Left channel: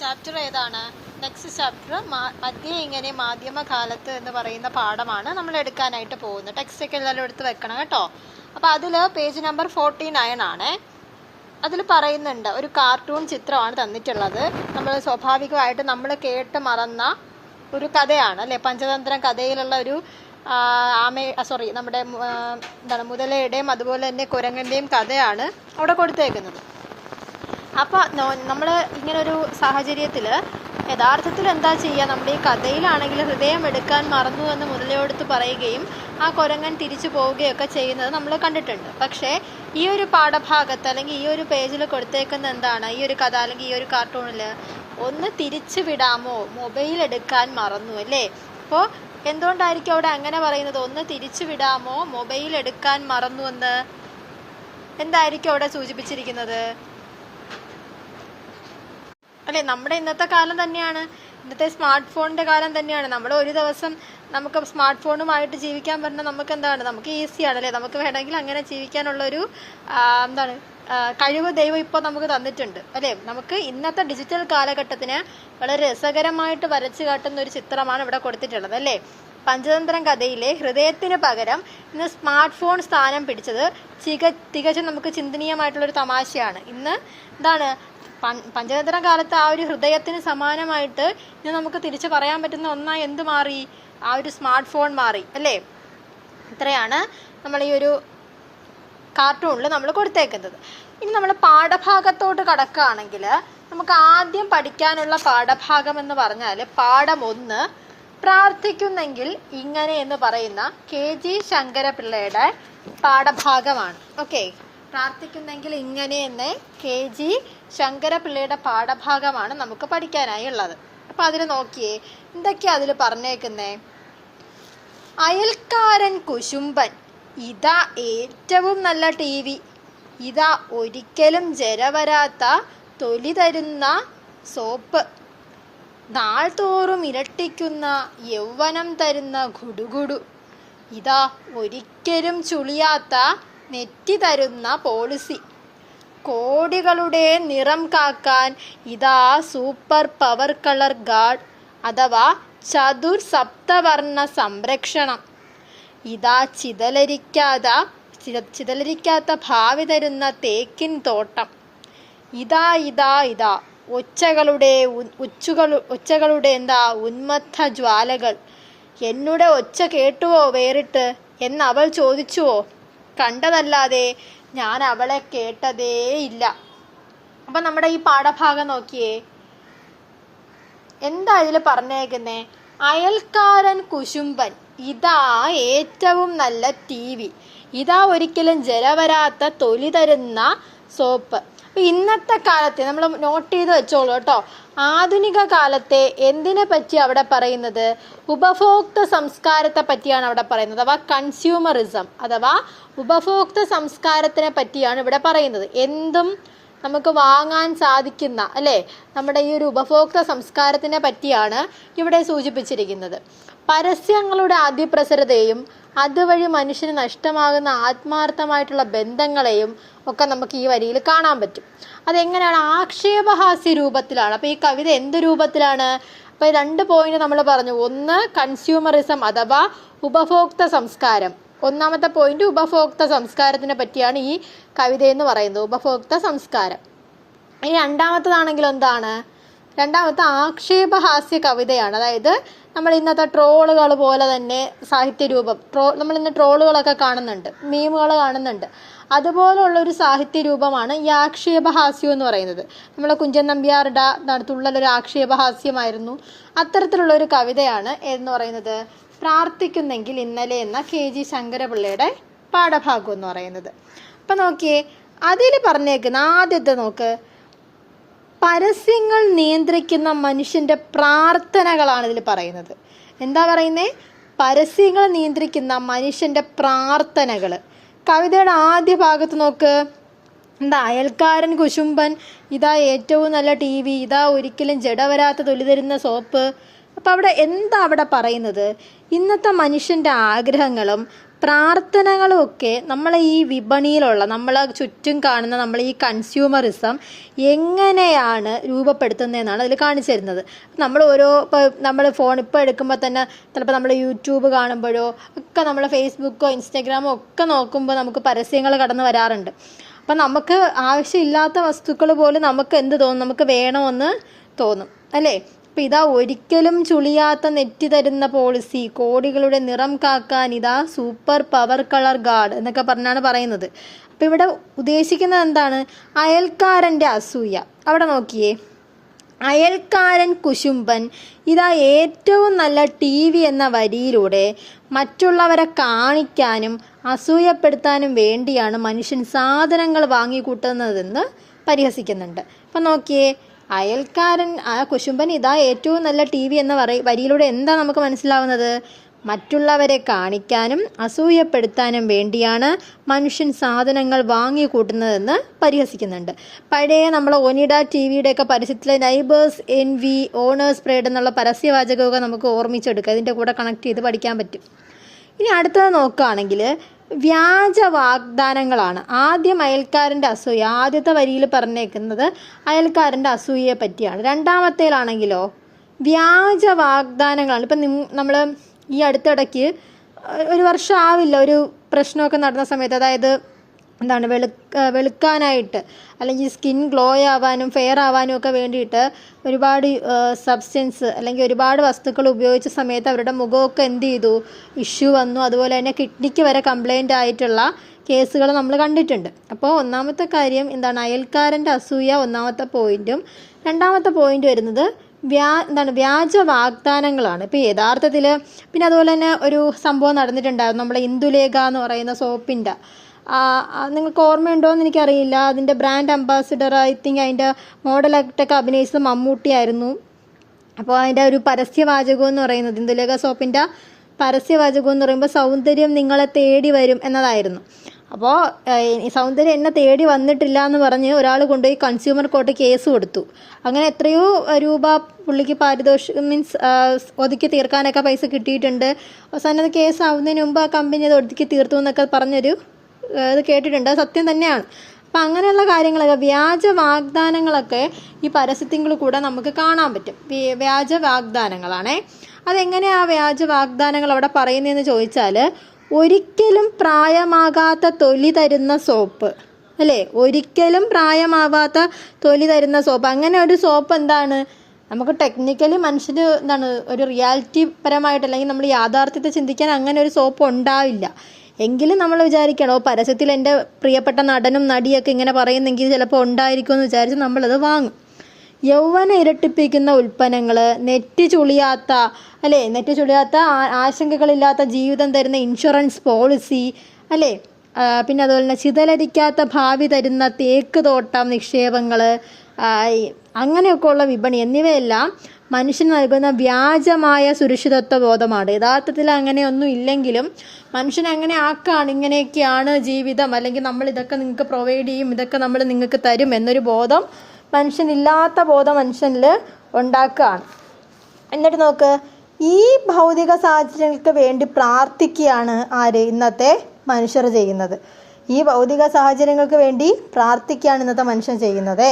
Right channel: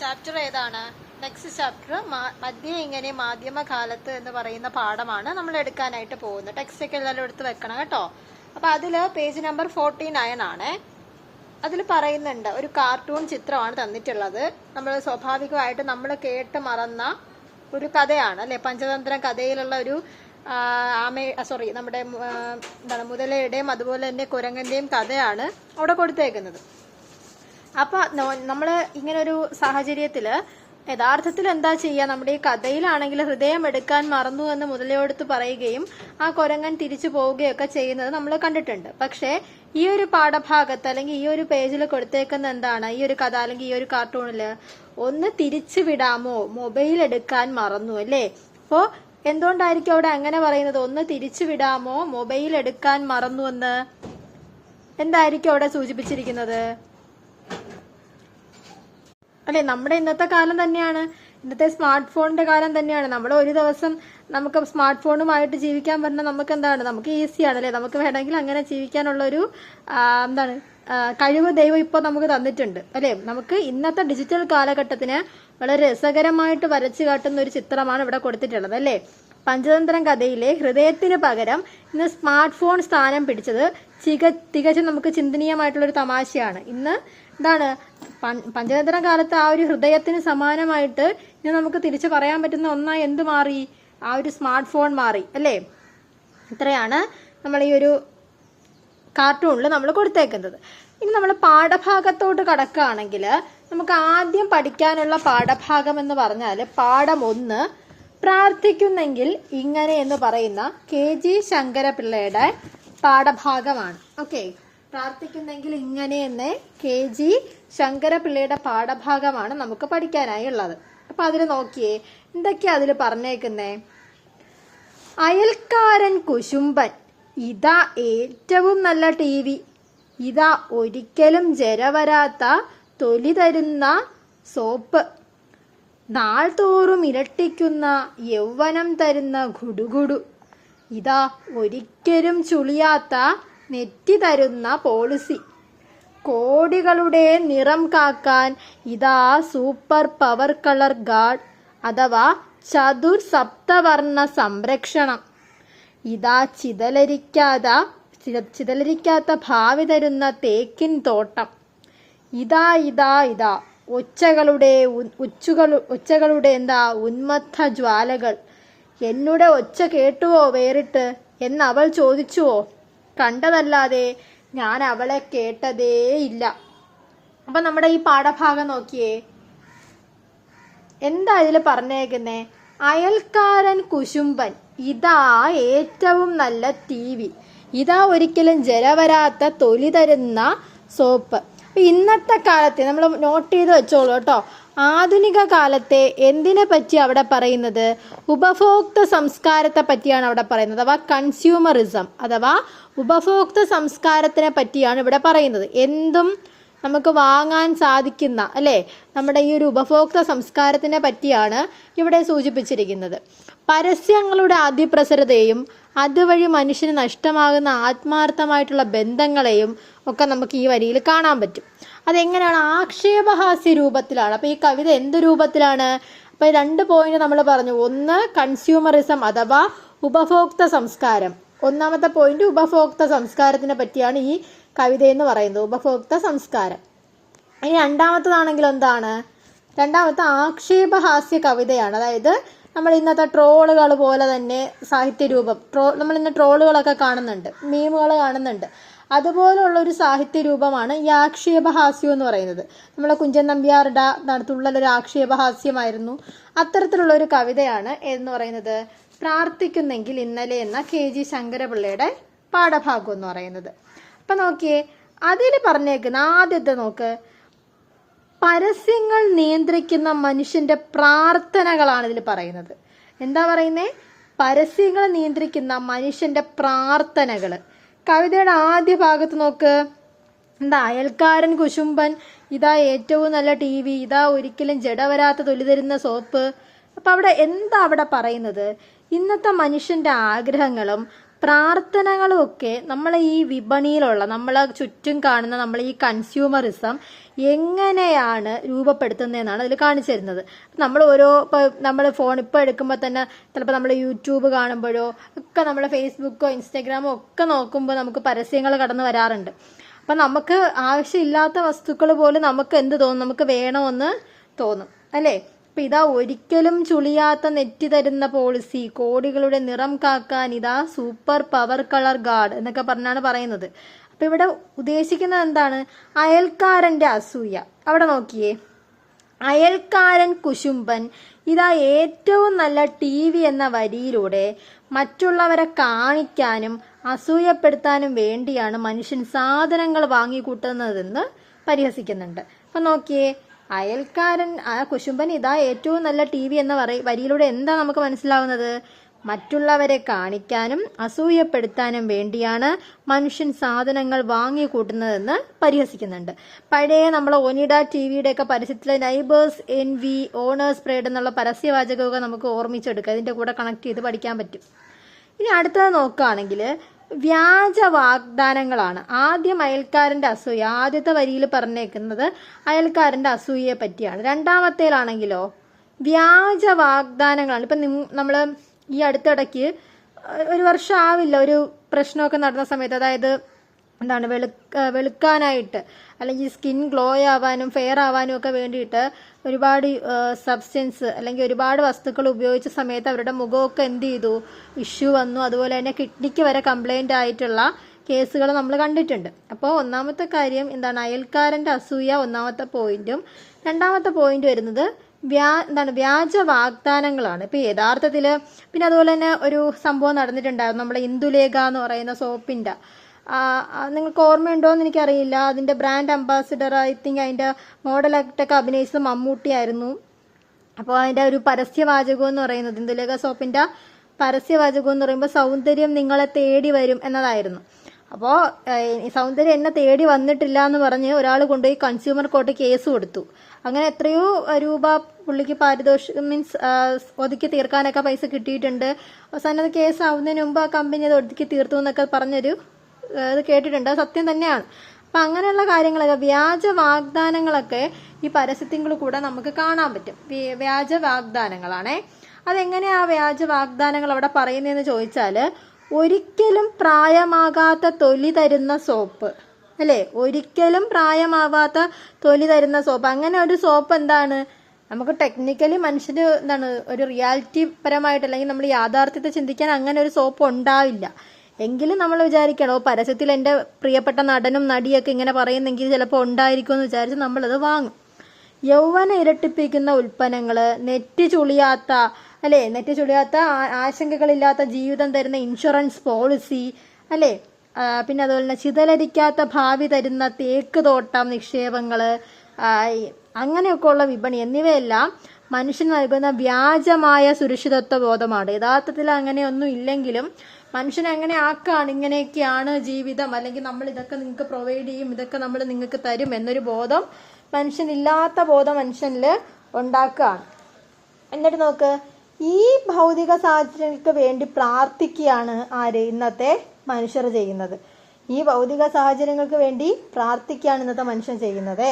Chapter ഏതാണ്? Next chapter മധ്യേ ഇങ്ങനെ മാധ്യമകാലത്ത് എന്ന് പറയുന്ന പാഠമാണ് നമ്മൾ എടുക്കാനായിട്ട് പോകുന്നത്. ടെക്സ്റ്റ് ഒക്കെ എല്ലാവരും എടുത്ത് വെക്കണം കേട്ടോ. അപ്പോൾ അതിൽ പേജ് നമ്പർ 49 ആണ്. അതിൽ പറയുന്നുണ്ട്, ഒരു കാർട്ടൂൺ ചിത്രമാണ് തന്നിട്ടുള്ളത്. നമ്മൾ സ്വാഭാവികമായിട്ട് നമ്മൾ കേട്ട് മറന്ന ഒരു കഥയാണ് അല്ലേ, പഞ്ചതന്ത്രം കഥയിലുള്ള ഒരു നമ്മുടെ മുതലയുടെയും അതുപോലെ തന്നെ കുരങ്ങൻ്റെയും കഥയാണ് അവിടെ കൊടുത്തേക്കുന്നത്. അപ്പോൾ നമ്മൾ ഇങ്ങനൊരു സാഹചര്യത്തിൽ യഥാർത്ഥത്തിൽ എന്താ ചെയ്യുക, നമ്മുടെ ഈ കഥയിലാണെങ്കിൽ ഹൃദയം എടുക്കാൻ മറന്നു എന്ന് മുതലയോടുത്ത് പറയുകയും ആ കുരങ്ങൻ തിരിച്ചു പോവുകയൊക്കെ ചെയ്യുന്നത് നമ്മൾ കണ്ടിട്ടുണ്ട്. പക്ഷേ ഈ ഒരു പാഠഭാഗത്ത് അല്ലെങ്കിൽ ഈ ഒരു പേജിൽ കൊടുത്തേക്കുന്ന എന്താണ്, ഈ ഒരു കഥ അല്ലെങ്കിൽ ഈ ഒരു കാർട്ടൂണിൽ ഒന്ന് തിരിച്ചു വിടാമോ, മൊബൈൽ എടുക്കാൻ മറന്നു അല്ലേ. അപ്പോൾ എന്തുകൊണ്ടായിരിക്കും അവിടെ അങ്ങനെ പറയുന്നത്, ഒന്ന് തിരിച്ചു വിടാമോ മൊബൈൽ എടുക്കാൻ മറന്നു എന്ന്? എന്തായിരിക്കും അവിടെ സൂചിപ്പിച്ചിരിക്കുന്നത് അല്ലേ? നമ്മുടെ ഇന്നത്തെ കാലം തന്നെയാണ്, ഇന്നത്തെ സ്മാർട്ട് ഫോണിന്റെ കാലം തന്നെയാണ്. നമ്മൾ ഒരു ദിവസം നമുക്ക് സ്മാർട്ട് ഫോണുമായിട്ട് ജീവിക്കാൻ പറഞ്ഞാൽ നമുക്ക് എന്താണ്, നമുക്ക് ഈസിയാണ് അല്ലേ, നമുക്ക് വേണമെങ്കിൽ അങ്ങനെ ജീവിക്കാനുള്ളൊരു കഴിവ് ദൈവം ഇപ്പോൾ നമുക്ക് തന്നിട്ടുണ്ട് അല്ലേ. നമുക്ക് ഇന്നത്തെ ഡിജിറ്റൽ കാലഘട്ടത്തിന് വളരെ രസകരമായിട്ട് വരച്ചു കാട്ടുന്ന ഒരു ചിത്രമാണ് ഇവിടെ കൊടുത്തിട്ടുള്ളത് അല്ലേ. പഞ്ചതന്ത്രം കഥയിലെ ഹൃദയത്തിന് പകരം ഇന്ന് സ്മാർട്ട് ഫോൺ സ്ഥാനം പിടിച്ചത് തികച്ചും നമുക്ക് ചിന്തനീയമായിട്ടുള്ളൊരു തമാശയാണ്. ഇന്ന് എന്താണ്, പഞ്ചതന്ത്രം കാലത്ത് ആ ഒരു ഹൃദയത്തിന് സമാനമായിട്ട് ഇന്ന് നമുക്ക് തിരിച്ചു പറയാൻ പറ്റുന്ന ഒന്നായി എന്ത് മാറി, ആ ഒരു സ്മാർട്ട് ഫോൺ മാറി അല്ലേ. ഇത്രയാണ് നമ്മൾ ഈ ഒരു കാർട്ടൂണിൽ നമ്മൾ കൊടുത്തേക്കുന്നത്. ഇനി നമ്മൾ പാഠഭാഗത്തോട്ട് കടക്കുകയാണെങ്കിൽ നമുക്ക് ആദ്യം പഠിക്കാനുള്ള പാഠഭാഗം എന്ന് പറഞ്ഞാൽ പാഠം 1 പ്രാർത്ഥിക്കുന്നെങ്കിൽ ഇങ്ങനെ എന്ന് പറയുന്ന KG ശങ്കരപിള്ളയുടെ പാഠഭാഗമാണ്. ഓക്കെ, പ്രാർത്ഥിക്കുന്നെങ്കിൽ ഇങ്ങനെ എന്ന് KG ശങ്കരപിള്ളയുടെ പാഠഭാഗമാണ് നമുക്ക് പഠിക്കാനായി ഉള്ളത്. അപ്പൊ അതിൽ നോക്കിയേ, എന്തൊക്കെയാ അതിൽ പറഞ്ഞേക്കുന്നേ. അയൽക്കാരൻ കുശുംബൻ, ഇതാ ഏറ്റവും നല്ല TV, ഇതാ ഒരിക്കലും ജരവരാത്ത തൊലി തരുന്ന സോപ്പ്, നാൾ തോറും ഇരട്ടിക്കുന്ന യൗവനം തരുന്ന ഗുഡുഗുഡു, ഇതാ ഒരിക്കലും ചുളിയാത്ത നെറ്റി തരുന്ന പോളിസി, കോടികളുടെ നിറം കാക്കാൻ ഇതാ സൂപ്പർ പവർ കളർ ഗാർഡ് അഥവാ ചതുർ സപ്തവർണ്ണ സംരക്ഷണം, ഇതാ ചിതലരിക്കാത്ത ഭാവി തരുന്ന തേക്കിൻ തോട്ടം, ഇതാ ഇതാ ഇതാ ഒച്ചകളുടെ ഉന്മത്ത ജ്വാലകൾ, എന്നുടെ ഒച്ച കേട്ടുവോ വേറിട്ട് എന്നവൾ ചോദിച്ചുവോ, കണ്ടതല്ലാതെ ഞാൻ അവളെ കേട്ടതേ ഇല്ല. അപ്പൊ നമ്മുടെ ഈ പാഠഭാഗം നോക്കിയേ, എന്താ ഇതിൽ പറഞ്ഞേക്കുന്നേ. അയൽക്കാരൻ കുശുംബൻ, ഇതാ ഏറ്റവും നല്ല TV, ഇതാ ഒരിക്കലും ജരവരാത്ത തൊലി തരുന്ന സോപ്പ്. ഇന്നത്തെ കാലത്തെ നമ്മൾ നോട്ട് ചെയ്ത് വെച്ചോളൂ കേട്ടോ. ആധുനിക കാലത്തെ എന്തിനെ പറ്റി അവിടെ പറയുന്നത്, ഉപഭോക്തൃ സംസ്കാരത്തെ പറ്റിയാണ് അവിടെ പറയുന്നത്, അഥവാ കൺസ്യൂമറിസം അഥവാ ഉപഭോക്തൃ സംസ്കാരത്തിനെ പറ്റിയാണ് ഇവിടെ പറയുന്നത്. എന്തും നമുക്ക് വാങ്ങാൻ സാധിക്കുന്ന അല്ലേ, നമ്മുടെ ഈ ഒരു ഉപഭോക്തൃ സംസ്കാരത്തിനെ പറ്റിയാണ് ഇവിടെ സൂചിപ്പിച്ചിരിക്കുന്നത്. പരസ്യങ്ങളുടെ അതിപ്രസരതയും അതുവഴി മനുഷ്യന് നഷ്ടമാകുന്ന ആത്മാർത്ഥമായിട്ടുള്ള ബന്ധങ്ങളെയും ഒക്കെ നമുക്ക് ഈ വരിയിൽ കാണാൻ പറ്റും. അതെങ്ങനെയാണ്, ആക്ഷേപഹാസ്യ രൂപത്തിലാണ്. അപ്പോൾ ഈ കവിത എന്ത് രൂപത്തിലാണ്? അപ്പോൾ 2 പോയിന്റ് നമ്മൾ പറഞ്ഞു. ഒന്ന് കൺസ്യൂമറിസം അഥവാ ഉപഭോക്തൃ സംസ്കാരം. ഒന്നാമത്തെ പോയിന്റ് ഉപഭോക്തൃ സംസ്കാരത്തിനെ പറ്റിയാണ് ഈ കവിത എന്ന് പറയുന്നത്, ഉപഭോക്തൃ സംസ്കാരം. ഇനി രണ്ടാമത്തതാണെങ്കിൽ എന്താണ്, രണ്ടാമത്തെ ആക്ഷേപഹാസ്യ കവിതയാണ്. അതായത് നമ്മൾ ഇന്നത്തെ ട്രോളുകൾ പോലെ തന്നെ സാഹിത്യരൂപം, നമ്മൾ ഇന്ന് ട്രോളുകളൊക്കെ കാണുന്നുണ്ട്, മീമുകൾ കാണുന്നുണ്ട്, അതുപോലുള്ള ഒരു സാഹിത്യരൂപമാണ് ഈ ആക്ഷേപഹാസ്യം എന്ന് പറയുന്നത്. നമ്മളെ കുഞ്ചൻ നമ്പ്യാരുടെ തുള്ളലൊരു ആക്ഷേപഹാസ്യമായിരുന്നു. അത്തരത്തിലുള്ള ഒരു കവിതയാണ് എന്ന് പറയുന്നത് പ്രാർത്ഥിക്കുന്നെങ്കിൽ ഇന്നലെ എന്ന KG ശങ്കരപിള്ളയുടെ പാഠഭാഗം എന്ന് പറയുന്നത്. അപ്പം നോക്കിയേ, അതിൽ പറഞ്ഞേക്കുന്ന ആദ്യത്തെ നോക്ക്, പരസ്യങ്ങൾ നിയന്ത്രിക്കുന്ന മനുഷ്യന്റെ പ്രാർത്ഥനകളാണ് ഇതിൽ പറയുന്നത്. എന്താ പറയുന്നേ, പരസ്യങ്ങൾ നിയന്ത്രിക്കുന്ന മനുഷ്യന്റെ പ്രാർത്ഥനകൾ. കവിതയുടെ ആദ്യ ഭാഗത്ത് നോക്ക്, എന്താ, അയൽക്കാരൻ കുശുംബൻ, ഇതാ ഏറ്റവും നല്ല TV, ഇതാ ഒരിക്കലും ജടവരാത്ത തൊലി തരുന്ന സോപ്പ്. അപ്പം അവിടെ എന്താ അവിടെ പറയുന്നത്, ഇന്നത്തെ മനുഷ്യന്റെ ആഗ്രഹങ്ങളും പ്രാർത്ഥനകളുമൊക്കെ നമ്മളെ ഈ വിപണിയിലുള്ള നമ്മളെ ചുറ്റും കാണുന്ന നമ്മൾ ഈ കൺസ്യൂമറിസം എങ്ങനെയാണ് രൂപപ്പെടുത്തുന്നതെന്നാണ് അതിൽ കാണിച്ചു തരുന്നത്. നമ്മൾ ഇപ്പോൾ നമ്മൾ ഫോൺ ഇപ്പോൾ എടുക്കുമ്പോൾ തന്നെ ചിലപ്പോൾ നമ്മൾ യൂട്യൂബ് കാണുമ്പോഴോ ഒക്കെ നമ്മൾ ഫേസ്ബുക്കോ ഇൻസ്റ്റാഗ്രാമോ ഒക്കെ നോക്കുമ്പോൾ നമുക്ക് പരസ്യങ്ങൾ കടന്നു വരാറുണ്ട്. അപ്പം നമുക്ക് ആവശ്യമില്ലാത്ത വസ്തുക്കൾ പോലും നമുക്ക് എന്ത് തോന്നും, നമുക്ക് വേണമെന്ന് തോന്നും അല്ലേ. അപ്പം ഇതാ ഒരിക്കലും ചുളിയാത്ത നെറ്റി തരുന്ന പോളിസി, കോടികളുടെ നിറം കാക്കാൻ ഇതാ സൂപ്പർ പവർ കളർ ഗാർഡ് എന്നൊക്കെ പറഞ്ഞാണ് പറയുന്നത്. അപ്പം ഇവിടെ ഉദ്ദേശിക്കുന്നത് എന്താണ്? അയൽക്കാരൻ്റെ അസൂയ. അവിടെ നോക്കിയേ, അയൽക്കാരൻ കുശുംബൻ ഇതാ ഏറ്റവും നല്ല TV എന്ന വരിയിലൂടെ മറ്റുള്ളവരെ കാണിക്കാനും അസൂയപ്പെടുത്താനും വേണ്ടിയാണ് മനുഷ്യൻ സാധനങ്ങൾ വാങ്ങിക്കൂട്ടുന്നതെന്ന് പരിഹസിക്കുന്നുണ്ട്. അപ്പം നോക്കിയേ, അയൽക്കാരൻ കുശുംബൻ ഇതാ ഏറ്റവും നല്ല TV എന്ന വരിയിലൂടെ എന്താ നമുക്ക് മനസ്സിലാവുന്നത്? മറ്റുള്ളവരെ കാണിക്കാനും അസൂയപ്പെടുത്താനും വേണ്ടിയാണ് മനുഷ്യൻ സാധനങ്ങൾ വാങ്ങിക്കൂട്ടുന്നതെന്ന് പരിഹസിക്കുന്നുണ്ട്. പഴയ നമ്മൾ ഒനിഡ TVയുടെയൊക്കെ പരസ്യത്തിലെ നൈബേഴ്സ് എൻവി ഓണേഴ്സ് പ്രൈഡ് എന്നുള്ള പരസ്യവാചകമൊക്കെ നമുക്ക് ഓർമ്മിച്ചെടുക്കുക, ഇതിൻ്റെ കൂടെ കണക്ട് ചെയ്ത് പഠിക്കാൻ പറ്റും. ഇനി അടുത്തത് നോക്കുകയാണെങ്കിൽ വ്യാജ വാഗ്ദാനങ്ങളാണ്. ആദ്യം അയൽക്കാരൻ്റെ അസൂയ, ആദ്യത്തെ വരിയിൽ പറഞ്ഞേക്കുന്നത് അയൽക്കാരൻ്റെ അസൂയയെ പറ്റിയാണ്. രണ്ടാമത്തേലാണെങ്കിലോ വ്യാജ വാഗ്ദാനങ്ങളാണ്. ഇപ്പം നമ്മൾ ഈ അടുത്തിടയ്ക്ക് ഒരു വർഷം ആവില്ല ഒരു പ്രശ്നമൊക്കെ നടന്ന സമയത്ത്, അതായത് എന്താണ് വെളുക്കാനായിട്ട് അല്ലെങ്കിൽ സ്കിൻ ഗ്ലോ ആവാനും ഫെയർ ആവാനും ഒക്കെ വേണ്ടിയിട്ട് ഒരുപാട് സബ്സ്റ്റൻസ് അല്ലെങ്കിൽ ഒരുപാട് വസ്തുക്കൾ ഉപയോഗിച്ച സമയത്ത് അവരുടെ മുഖമൊക്കെ എന്ത് ചെയ്തു, ഇഷ്യൂ വന്നു. അതുപോലെ തന്നെ കിഡ്നിക്ക് വരെ കംപ്ലൈൻ്റ് ആയിട്ടുള്ള കേസുകൾ നമ്മൾ കണ്ടിട്ടുണ്ട്. അപ്പോൾ ഒന്നാമത്തെ കാര്യം എന്താണ്, അയൽക്കാരൻ്റെ അസൂയ ഒന്നാമത്തെ പോയിന്റും. രണ്ടാമത്തെ പോയിന്റ് വരുന്നത് വ്യാജ വാഗ്ദാനങ്ങളാണ്. ഇപ്പോൾ യഥാർത്ഥത്തിൽ പിന്നെ അതുപോലെ തന്നെ ഒരു സംഭവം നടന്നിട്ടുണ്ടായിരുന്നു, നമ്മുടെ ഇന്ദുലേഖ എന്ന് പറയുന്ന സോപ്പിൻ്റെ, നിങ്ങൾക്ക് ഓർമ്മയുണ്ടോ എന്ന് എനിക്കറിയില്ല. അതിൻ്റെ ബ്രാൻഡ് അംബാസിഡർ ഐ തിങ്ക് അതിൻ്റെ മോഡലായിട്ടൊക്കെ അഭിനയിച്ചത് മമ്മൂട്ടിയായിരുന്നു. അപ്പോൾ അതിൻ്റെ ഒരു പരസ്യവാചകം എന്ന് പറയുന്നത്, ഇന്ദുലേഖ സോപ്പിൻ്റെ പരസ്യവാചകം എന്ന് പറയുമ്പോൾ സൗന്ദര്യം നിങ്ങളെ തേടി വരും എന്നതായിരുന്നു. അപ്പോൾ സൗന്ദര്യം എന്നെ തേടി വന്നിട്ടില്ല എന്ന് പറഞ്ഞ് ഒരാൾ കൊണ്ടുപോയി കൺസ്യൂമർ കോർട്ട് കേസ് കൊടുത്തു. അങ്ങനെ എത്രയോ രൂപ പുള്ളിക്ക് പാരിതോഷികം ഒതുക്കി തീർക്കാനൊക്കെ പൈസ കിട്ടിയിട്ടുണ്ട്. അവസാനം അത് കേസ് ആവുന്നതിന് മുമ്പ് ആ കമ്പനി അത് ഒതുക്കി തീർത്തു എന്നൊക്കെ പറഞ്ഞൊരു ഇത് കേട്ടിട്ടുണ്ട്. സത്യം തന്നെയാണ്. അപ്പം അങ്ങനെയുള്ള കാര്യങ്ങളൊക്കെ വ്യാജ വാഗ്ദാനങ്ങളൊക്കെ ഈ പരസ്യത്തിൽ കൂടെ നമുക്ക് കാണാൻ പറ്റും. വ്യാജ വാഗ്ദാനങ്ങളാണേ. അതെങ്ങനെയാണ് വ്യാജ വാഗ്ദാനങ്ങൾ അവിടെ പറയുന്നതെന്ന് ചോദിച്ചാൽ, ഒരിക്കലും പ്രായമാകാത്ത തൊലി തരുന്ന സോപ്പ് അല്ലേ, ഒരിക്കലും പ്രായമാവാത്ത തൊലി തരുന്ന സോപ്പ്. അങ്ങനെ ഒരു സോപ്പ് എന്താണ്, നമുക്ക് ടെക്നിക്കലി മനുഷ്യന് എന്താണ് ഒരു റിയാലിറ്റി പരമായിട്ട് അല്ലെങ്കിൽ നമ്മൾ യാഥാർത്ഥ്യത്തെ ചിന്തിക്കാൻ അങ്ങനെ ഒരു സോപ്പ് ഉണ്ടാവില്ല. എങ്കിലും നമ്മൾ വിചാരിക്കണോ പരസ്യത്തിൽ എൻ്റെ പ്രിയപ്പെട്ട നടനും നടിയൊക്കെ ഇങ്ങനെ പറയുന്നെങ്കിൽ ചിലപ്പോൾ ഉണ്ടായിരിക്കുമെന്ന് വിചാരിച്ച് നമ്മളത് വാങ്ങും. യൗവനം ഇരട്ടിപ്പിക്കുന്ന ഉൽപ്പന്നങ്ങൾ, നെറ്റ് ചുളിയാത്ത ആശങ്കകളില്ലാത്ത ജീവിതം തരുന്ന ഇൻഷുറൻസ് പോളിസി അല്ലേ, പിന്നെ അതുപോലെ തന്നെ ചിതലരിക്കാത്ത ഭാവി തരുന്ന തേക്ക് തോട്ടം നിക്ഷേപങ്ങൾ, അങ്ങനെയൊക്കെയുള്ള വിപണി എന്നിവയെല്ലാം മനുഷ്യന് നൽകുന്ന വ്യാജമായ സുരക്ഷിതത്വ ബോധമാണ്. യഥാർത്ഥത്തിൽ അങ്ങനെയൊന്നും ഇല്ലെങ്കിലും മനുഷ്യൻ അങ്ങനെ ആക്കാണ്, ഇങ്ങനെയൊക്കെയാണ് ജീവിതം, അല്ലെങ്കിൽ നമ്മൾ ഇതൊക്കെ നിങ്ങൾക്ക് പ്രൊവൈഡ് ചെയ്യും, ഇതൊക്കെ നമ്മൾ നിങ്ങൾക്ക് തരും എന്നൊരു ബോധം മനുഷ്യനില്ലാത്ത ബോധം മനുഷ്യനിൽ ഉണ്ടാക്കുകയാണ്. എന്നിട്ട് നോക്ക്, ഈ ഭൗതിക സാഹചര്യങ്ങൾക്ക് വേണ്ടി പ്രാർത്ഥിക്കുകയാണ് ആര്, ഇന്നത്തെ മനുഷ്യർ ചെയ്യുന്നത്. ഈ ഭൗതിക സാഹചര്യങ്ങൾക്ക് വേണ്ടി പ്രാർത്ഥിക്കുകയാണ് ഇന്നത്തെ മനുഷ്യൻ ചെയ്യുന്നത്.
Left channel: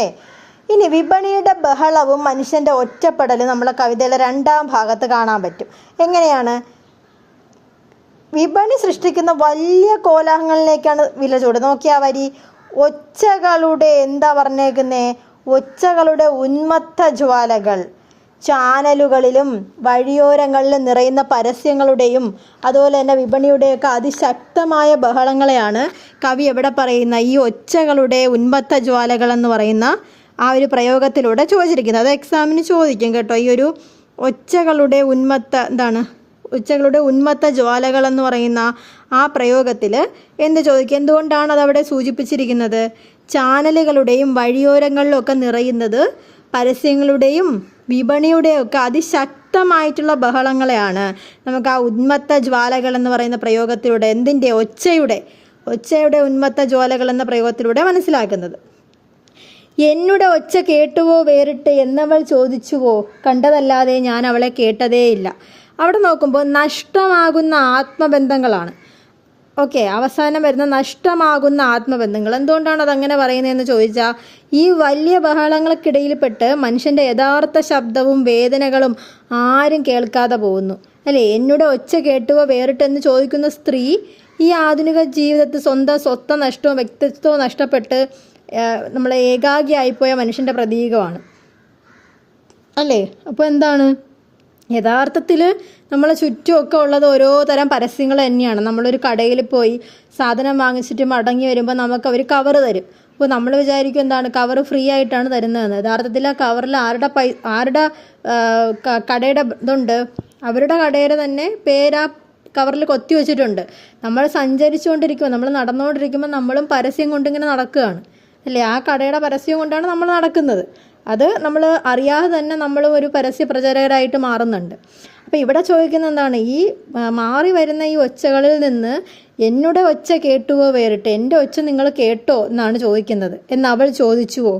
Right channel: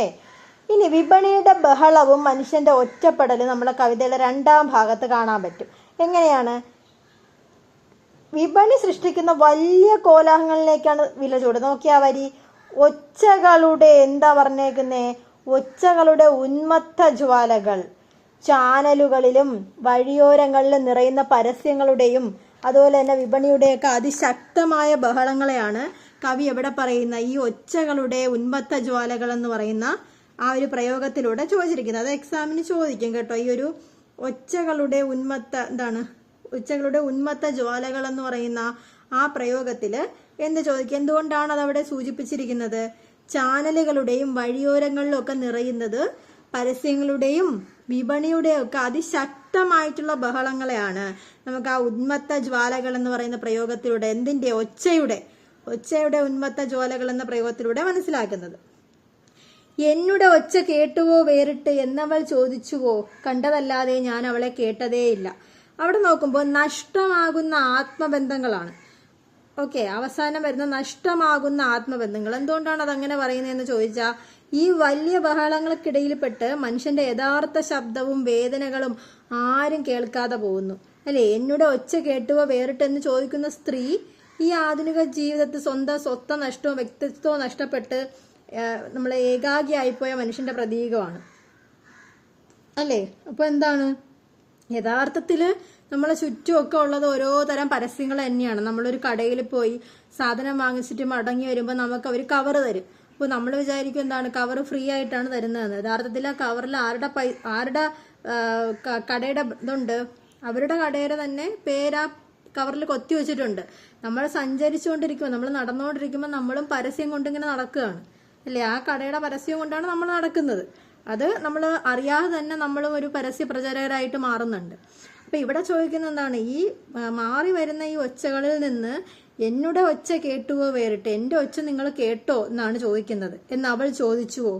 ഇനി വിപണിയുടെ ബഹളവും മനുഷ്യൻ്റെ ഒറ്റപ്പെടലും നമ്മളെ കവിതയിലെ രണ്ടാം ഭാഗത്ത് കാണാൻ പറ്റും. എങ്ങനെയാണ്? വിപണി സൃഷ്ടിക്കുന്ന വലിയ കോലാഹലങ്ങളിലേക്കാണ് വില ചൂട്. നോക്കിയാ വരി, ഒച്ചകളുടെ എന്താ പറഞ്ഞേക്കുന്നേ, ഒച്ചകളുടെ ഉന്മത്ത ജ്വാലകൾ ചാനലുകളിലും വഴിയോരങ്ങളിലും നിറയുന്ന പരസ്യങ്ങളുടെയും അതുപോലെ തന്നെ വിപണിയുടെയൊക്കെ അതിശക്തമായ ബഹളങ്ങളെയാണ് കവി എവിടെ പറയുന്ന ഈ ഒച്ചകളുടെ ഉന്മത്ത ജ്വാലകൾ എന്ന് പറയുന്ന ആ ഒരു പ്രയോഗത്തിലൂടെ ചോദിച്ചിരിക്കുന്നത്. അത് എക്സാമിന് ചോദിക്കും കേട്ടോ. ഈ ഒരു ഒച്ചകളുടെ ഉന്മത്ത ജ്വാലകൾ എന്ന് പറയുന്ന ആ പ്രയോഗത്തിൽ എന്ത് ചോദിക്കും, എന്തുകൊണ്ടാണ് അതവിടെ സൂചിപ്പിച്ചിരിക്കുന്നത്? ചാനലുകളുടെയും വഴിയോരങ്ങളിലും ഒക്കെ നിറയുന്നത് പരസ്യങ്ങളുടെയും വിപണിയുടെയും ഒക്കെ അതിശക്തമായിട്ടുള്ള ബഹളങ്ങളെയാണ് നമുക്ക് ആ ഉന്മത്ത ജ്വാലകൾ എന്ന് പറയുന്ന പ്രയോഗത്തിലൂടെ, എന്തിൻ്റെ, ഒച്ചയുടെ ഉന്മത്ത ജ്വാലകൾ എന്ന പ്രയോഗത്തിലൂടെ മനസ്സിലാക്കുന്നത്. എന്നുടെ ഒച്ച കേട്ടുവോ വേറിട്ട് എന്നവൾ ചോദിച്ചുവോ, കണ്ടതല്ലാതെ ഞാൻ അവളെ കേട്ടതേയില്ല. അവിടെ നോക്കുമ്പോൾ നഷ്ടമാകുന്ന ആത്മബന്ധങ്ങളാണ്. ഓക്കെ, അവസാനം വരുന്ന നഷ്ടമാകുന്ന ആത്മബന്ധങ്ങൾ. എന്തുകൊണ്ടാണ് അതങ്ങനെ പറയുന്നതെന്ന് ചോദിച്ചാൽ, ഈ വലിയ ബഹളങ്ങൾക്കിടയിൽപ്പെട്ട് മനുഷ്യൻ്റെ യഥാർത്ഥ ശബ്ദവും വേദനകളും ആരും കേൾക്കാതെ പോകുന്നു അല്ലേ. എന്നോട് ഒച്ച കേട്ടുവോ വേറിട്ടെന്ന് ചോദിക്കുന്ന സ്ത്രീ ഈ ആധുനിക ജീവിതത്തിൽ സ്വന്തം സ്വത്വ നഷ്ടവും വ്യക്തിത്വവും നഷ്ടപ്പെട്ട് നമ്മളെ ഏകാഗിയായിപ്പോയ മനുഷ്യൻ്റെ പ്രതീകമാണ് അല്ലേ. അപ്പോൾ എന്താണ് യഥാർത്ഥത്തിൽ നമ്മളെ ചുറ്റുമൊക്കെ ഉള്ളത് ഓരോ തരം പരസ്യങ്ങൾ തന്നെയാണ്. നമ്മളൊരു കടയിൽ പോയി സാധനം വാങ്ങിച്ചിട്ട് മടങ്ങി വരുമ്പോൾ നമുക്ക് അവർ കവർ തരും. അപ്പോൾ നമ്മൾ വിചാരിക്കും എന്താണ് കവർ ഫ്രീ ആയിട്ടാണ് തരുന്നതെന്ന്. യഥാർത്ഥത്തിൽ ആ കവറിൽ ആരുടെ കടയുടെ ഇതുണ്ട്, അവരുടെ കടയുടെ തന്നെ പേര് കവറിൽ കൊത്തി വെച്ചിട്ടുണ്ട്. നമ്മൾ സഞ്ചരിച്ചുകൊണ്ടിരിക്കുമ്പോൾ, നമ്മൾ നടന്നുകൊണ്ടിരിക്കുമ്പോൾ നമ്മളും പരസ്യം കൊണ്ടിങ്ങനെ നടക്കുകയാണ് അല്ലേ. ആ കടയുടെ പരസ്യം കൊണ്ടാണ് നമ്മൾ നടക്കുന്നത്. അത് നമ്മൾ അറിയാതെ തന്നെ നമ്മൾ ഒരു പരസ്യ പ്രചാരകരായിട്ട് മാറുന്നുണ്ട്. അപ്പോൾ ഇവിടെ ചോദിക്കുന്ന എന്താണ്, ഈ മാറി വരുന്ന ഈ ഒച്ചകളിൽ നിന്ന് എന്നോട് ഒച്ച കേട്ടുവോ വേറിട്ട്, എൻ്റെ ഒച്ച നിങ്ങൾ കേട്ടോ എന്നാണ് ചോദിക്കുന്നത്. എന്ന് അവൾ ചോദിച്ചുവോ,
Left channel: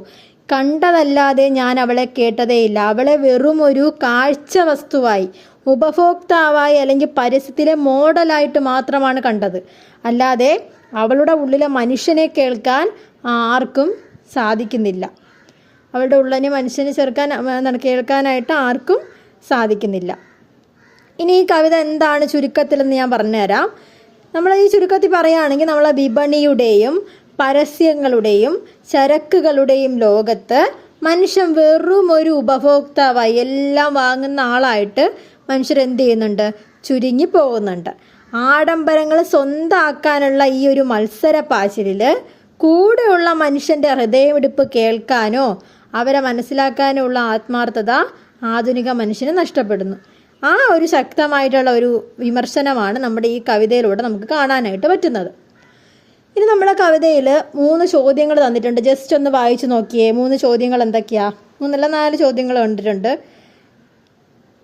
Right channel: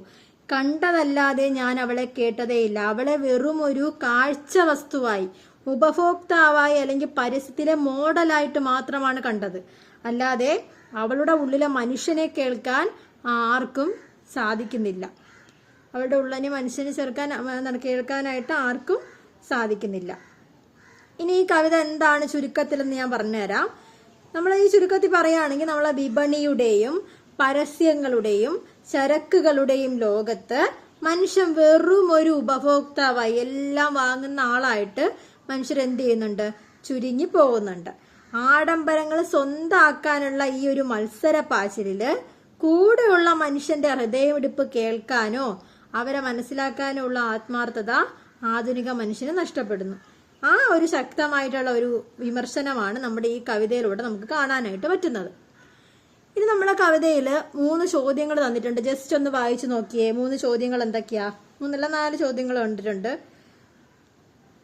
കണ്ടതല്ലാതെ ഞാൻ അവളെ കേട്ടതേയില്ല. അവളെ വെറും ഒരു കാഴ്ച വസ്തുവായി, ഉപഭോക്താവായി അല്ലെങ്കിൽ പരസ്യത്തിലെ മോഡലായിട്ട് മാത്രമാണ് കണ്ടത്. അല്ലാതെ അവളുടെ ഉള്ളിലെ മനുഷ്യനെ കേൾക്കാൻ ആർക്കും സാധിക്കുന്നില്ല. അവളുടെ ഉള്ളിനെ മനുഷ്യനെ കേൾക്കാനായിട്ട് ആർക്കും സാധിക്കുന്നില്ല. ഇനി ഈ കവിത എന്താണ് ചുരുക്കത്തിലെന്ന് ഞാൻ പറഞ്ഞുതരാം. നമ്മൾ ഈ ചുരുക്കത്തിൽ പറയുകയാണെങ്കിൽ, നമ്മളെ വിപണിയുടെയും പരസ്യങ്ങളുടെയും ചരക്കുകളുടെയും ലോകത്ത് മനുഷ്യൻ വെറും ഒരു ഉപഭോക്താവായി, എല്ലാം വാങ്ങുന്ന ആളായിട്ട് മനുഷ്യരെന്ത് ചെയ്യുന്നുണ്ട്, ചുരുങ്ങി പോകുന്നുണ്ട്. ആഡംബരങ്ങൾ സ്വന്തമാക്കാനുള്ള ഈ ഒരു മത്സര പാച്ചിലിൽ കൂടെയുള്ള മനുഷ്യൻ്റെ ഹൃദയമിടിപ്പ് കേൾക്കാനോ അവരെ മനസ്സിലാക്കാനോ ഉള്ള ആത്മാർത്ഥത ആധുനിക മനുഷ്യന് നഷ്ടപ്പെടുന്നു. ആ ഒരു ശക്തമായിട്ടുള്ള ഒരു വിമർശനമാണ് നമ്മുടെ ഈ കവിതയിലൂടെ നമുക്ക് കാണാനായിട്ട് പറ്റുന്നത്. ഇനി നമ്മുടെ കവിതയിൽ 3 ചോദ്യങ്ങൾ തന്നിട്ടുണ്ട്. ജസ്റ്റ് ഒന്ന് വായിച്ചു നോക്കിയേ. 3 ചോദ്യങ്ങൾ എന്തൊക്കെയാ? 4 ചോദ്യങ്ങൾ കണ്ടിട്ടുണ്ട്.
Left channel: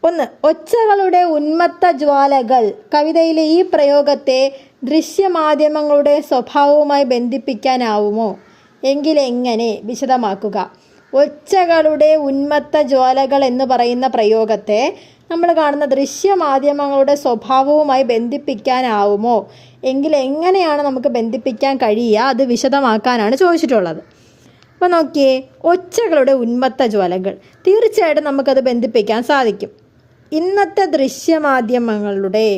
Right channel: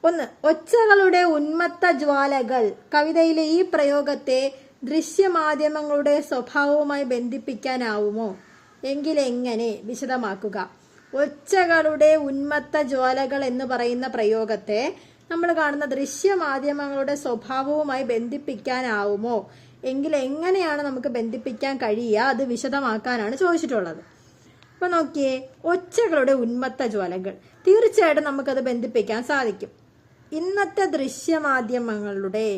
1, ഒച്ചകളുടെ ഉന്മത്ത ജ്വാലകൾ. കവിതയിലെ ഈ പ്രയോഗത്തെ ദൃശ്യമാധ്യമങ്ങളുടെ സ്വഭാവവുമായി ബന്ധിപ്പിക്കാനാവുമോ? എങ്കിലെങ്ങനെ? വിശദമാക്കുക. ഒച്ചകളുടെ ഉന്മത്ത ജ്വാലകൾ എന്ന് പറയുന്ന പ്രയോഗത്തെ നമ്മൾ കാണുന്ന ദൃശ്യമാധ്യമങ്ങളുടെ സ്വഭാവവുമായി ബന്ധിപ്പിക്കാനാവുമോ? എങ്കിൽ എങ്ങനെയാണ് നമുക്ക് ബന്ധിപ്പിക്കാൻ കഴിയുക? അത് വിശദമാക്കാനാണ് ചോദിച്ചിട്ടുള്ളത്. അപ്പോൾ നോക്കിയേ, ഒച്ചകളുടെ ഉന്മത്ത ജ്വാലകൾ, തീർച്ചയായിട്ടും നമുക്കത് ബന്ധിപ്പിക്കാൻ സാധിക്കും. ഇന്നത്തെ ദൃശ്യമാധ്യമങ്ങളുടെ,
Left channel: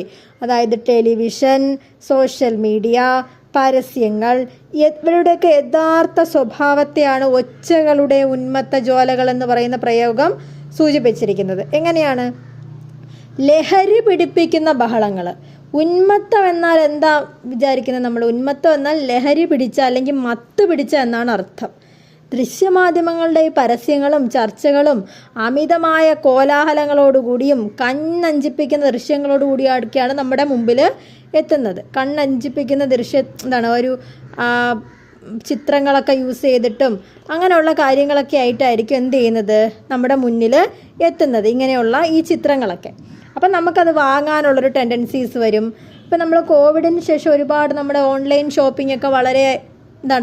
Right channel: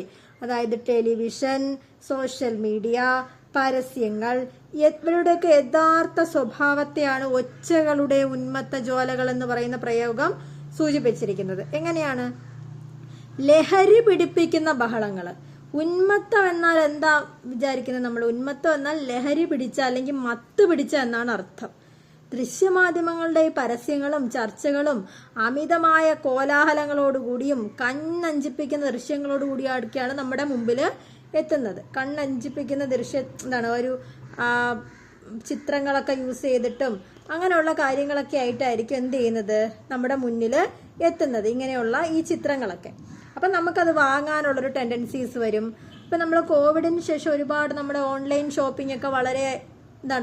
അതായത് ടെലിവിഷൻ, സോഷ്യൽ മീഡിയ, പരസ്യങ്ങൾ, ഇവരുടെയൊക്കെ യഥാർത്ഥ സ്വഭാവത്തെയാണ് ഒച്ചകളുടെ ഉന്മത്ത ജ്വാലകൾ എന്ന് പറയുന്ന പ്രയോഗം സൂചിപ്പിച്ചിരിക്കുന്നത്. എങ്ങനെയാണ്? ലഹരി പിടിപ്പിക്കുന്ന ബഹളങ്ങൾ. ഉന്മത്തം എന്നാൽ എന്താ വിചാരിക്കുന്നത് നമ്മൾ? ഉന്മത്തം എന്നാൽ ലഹരി പിടിച്ച അല്ലെങ്കിൽ മത്ത് പിടിച്ച എന്നാണ് അർത്ഥം. ദൃശ്യമാധ്യമങ്ങളുടെ ഈ പരസ്യങ്ങളും ചർച്ചകളും അമിതമായ കോലാഹലങ്ങളോടുകൂടിയും കണ്ണഞ്ചിപ്പിക്കുന്ന ദൃശ്യങ്ങളോടുകൂടിയൊക്കെയാണ് നമ്മുടെ മുമ്പിൽ എത്തുന്നത്. കണ്ണഞ്ചിപ്പിക്കുന്ന ഒരു ചിത്രങ്ങളൊക്കെ യൂസ് ചെയ്തിട്ടും അങ്ങനെയുള്ള കാര്യങ്ങളൊക്കെ ആയിട്ടായിരിക്കും എന്ത് ചെയ്യുന്നത്, നമ്മുടെ മുന്നിൽ എത്തുന്നത് ഇങ്ങനെയുള്ള ഈ ചിത്രങ്ങളൊക്കെ. അപ്പം നമുക്കത് വാങ്ങാനുള്ളൊരു ടെൻഡൻസീസ് വരും. ഇപ്പം നമ്മൾ കോവിഡിന് ശേഷം ഒരുപാട് നമ്മുടെ ഓൺലൈൻ ഷോപ്പിംഗ് ഒക്കെ വളരെ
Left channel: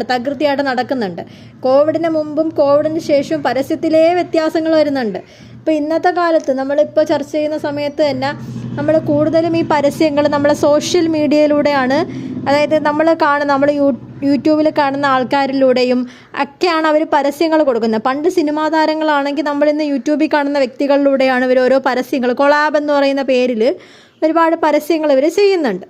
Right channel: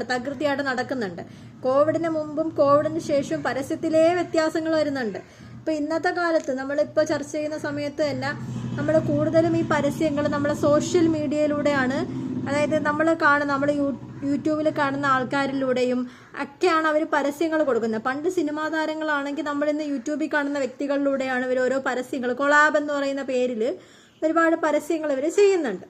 തകൃതിയായിട്ട് നടക്കുന്നുണ്ട്. കോവിഡിന് മുമ്പും കോവിഡിന് ശേഷവും പരസ്യത്തിലേ വ്യത്യാസങ്ങൾ വരുന്നുണ്ട്. ഇപ്പോൾ ഇന്നത്തെ കാലത്ത് നമ്മളിപ്പോൾ ചർച്ച ചെയ്യുന്ന സമയത്ത് തന്നെ നമ്മൾ കൂടുതലും ഈ പരസ്യങ്ങൾ നമ്മളെ സോഷ്യൽ മീഡിയയിലൂടെയാണ്, അതായത് നമ്മൾ യൂട്യൂബിൽ കാണുന്ന ആൾക്കാരിലൂടെയും ഒക്കെയാണ് അവർ പരസ്യങ്ങൾ കൊടുക്കുന്നത്. പണ്ട് സിനിമാ താരങ്ങളാണെങ്കിൽ നമ്മളിന്ന് യൂട്യൂബിൽ കാണുന്ന വ്യക്തികളിലൂടെയാണ് ഇവർ ഓരോ പരസ്യങ്ങൾ, കൊളാബ് എന്ന് പറയുന്ന പേരിൽ ഒരുപാട് പരസ്യങ്ങൾ ഇവർ ചെയ്യുന്നുണ്ട്.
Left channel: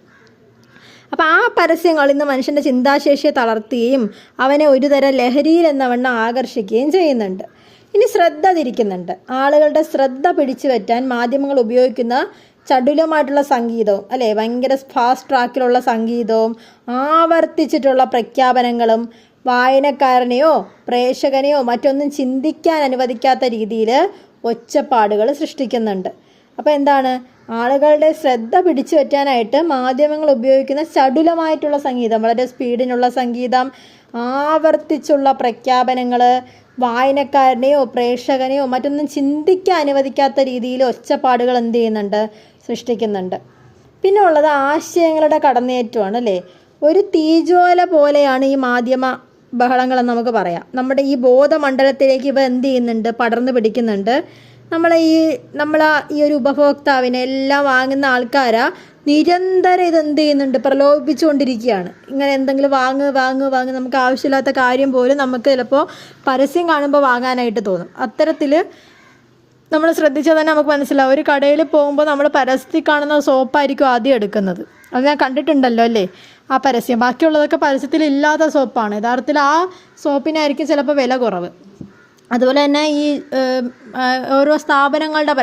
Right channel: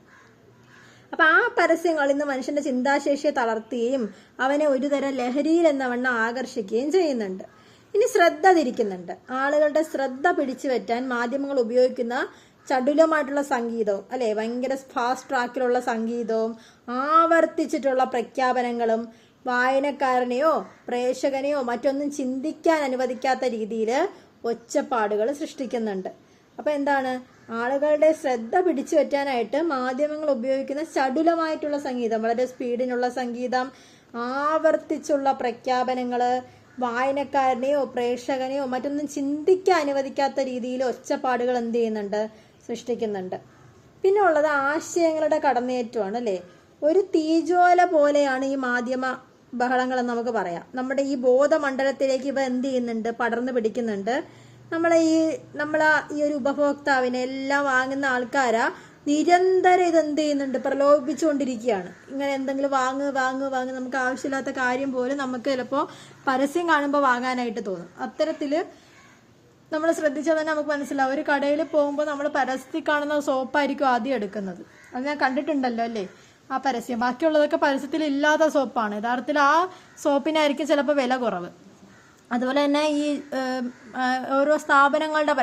അപ്പോൾ ആ പരസ്യങ്ങൾ ഇന്ന് മനുഷ്യൻ്റെ ചിന്താശേഷിയെ തളർത്തുകയും അവനെ ഒരുതരം ലഹരിയിൽ എന്നവണ്ണം ആകർഷിക്കുകയും ചെയ്യുന്നുണ്ട്. ഇനി ശ്രദ്ധ തിരിക്കുന്നുണ്ട്. ആളുകളുടെ ശ്രദ്ധ പിടിച്ചു പറ്റാൻ മാധ്യമങ്ങൾ ഉപയോഗിക്കുന്ന ചടുലമായിട്ടുള്ള സംഗീതവും അല്ലേ, ഭയങ്കര ഫാസ്റ്റ് ട്രാക്കിലുള്ള സംഗീതവും ആവർത്തിച്ചിട്ടുള്ള പ്രഖ്യാപനങ്ങളും വായനക്കാരനെയോ പ്രേക്ഷകനെയോ മറ്റൊന്നും ചിന്തിക്കാൻ അനുവദിക്കാത്ത രീതിയിൽ ഒച്ചപ്പാടുകൾ സൃഷ്ടിക്കുന്നുണ്ട്. അപ്പോൾ എന്താണ്, ആളുകളുടെ ശ്രദ്ധ പിടിച്ചു പറ്റാനായിട്ട് മാധ്യമങ്ങൾ ഉപയോഗിക്കുന്ന ചടുലമായിട്ടുള്ള സംഗീതം, വളരെ സ്പീഡിനുള്ള സംഗീതം, ആവർത്തിച്ചുള്ള പ്രഖ്യാപനങ്ങൾ വായനക്കാരനെയോ പ്രേക്ഷകനെയോ മറ്റൊന്നും ചിന്തിക്കാൻ അനുവദിക്കാത്ത രീതിയിൽ ഒച്ചപ്പാടുകൾ എന്ത് ചെയ്യുന്നുണ്ട്, സൃഷ്ടിക്കുന്നുണ്ട്. പിന്നെ ഉള്ളത് ആശയങ്ങളുടെ കടന്നേറ്റമാണ് അല്ലേ. ഒരു തീജ്വാല പോലെയാണ് ഈ മാധ്യമ ബഹളങ്ങളെന്ന് നമുക്ക് പറയാം. നമ്മുടെ ഈ ബോധമണ്ഡലത്തിലേക്ക് ഇവ എന്ത് ചെയ്യുന്നുണ്ട്, പടർന്നു പിടിക്കുന്നുണ്ട്. നമ്മളെ ഈ ഒരു ഉപഭോക്താവിനെ എല്ലാം വാങ്ങുന്ന ആൾക്കാരാ നിരന്തരം ഇതെന്ത് ചെയ്യുന്നുണ്ട്, പ്രലോഭിപ്പിച്ചുകൊണ്ടിരിക്കുകയാണ്. ഇങ്ങനെ എന്തെങ്കിലും വാങ്ങ് നമുക്ക് ആവശ്യമില്ലാത്ത കാര്യം പോലും നമുക്ക് ചിലപ്പോൾ പരസ്യം കാണുമ്പോൾ വാങ്ങാനായിട്ട് തോന്നും. അത്തരത്തിൽ നമ്മൾ ശ്രദ്ധിച്ചാൽ തന്നെ നമുക്ക് മനസ്സിലാവും. ഒരു കടയിൽ പോകുമ്പോൾ നമ്മൾ പരസ്യത്തിൽ കാണുന്ന സോപ്പായിരിക്കും ആദ്യം എടുക്കുന്നത്. അത് ഞാൻ കണ്ടിട്ടുണ്ടല്ലോ അല്ലേ, ആ പരസ്യം. ബാക്കിയുള്ളതൊക്കെ പരസ്യത്തിൽ ഇല്ലാത്ത സോപ്പാണ്. യഥാർത്ഥത്തിൽ ആ സോപ്പിനായിരിക്കും ചിലപ്പോൾ വില കുറവ്. അതുപോലെ തന്നെ ഈ ഓരോ സ്ഥാപനങ്ങളുടെ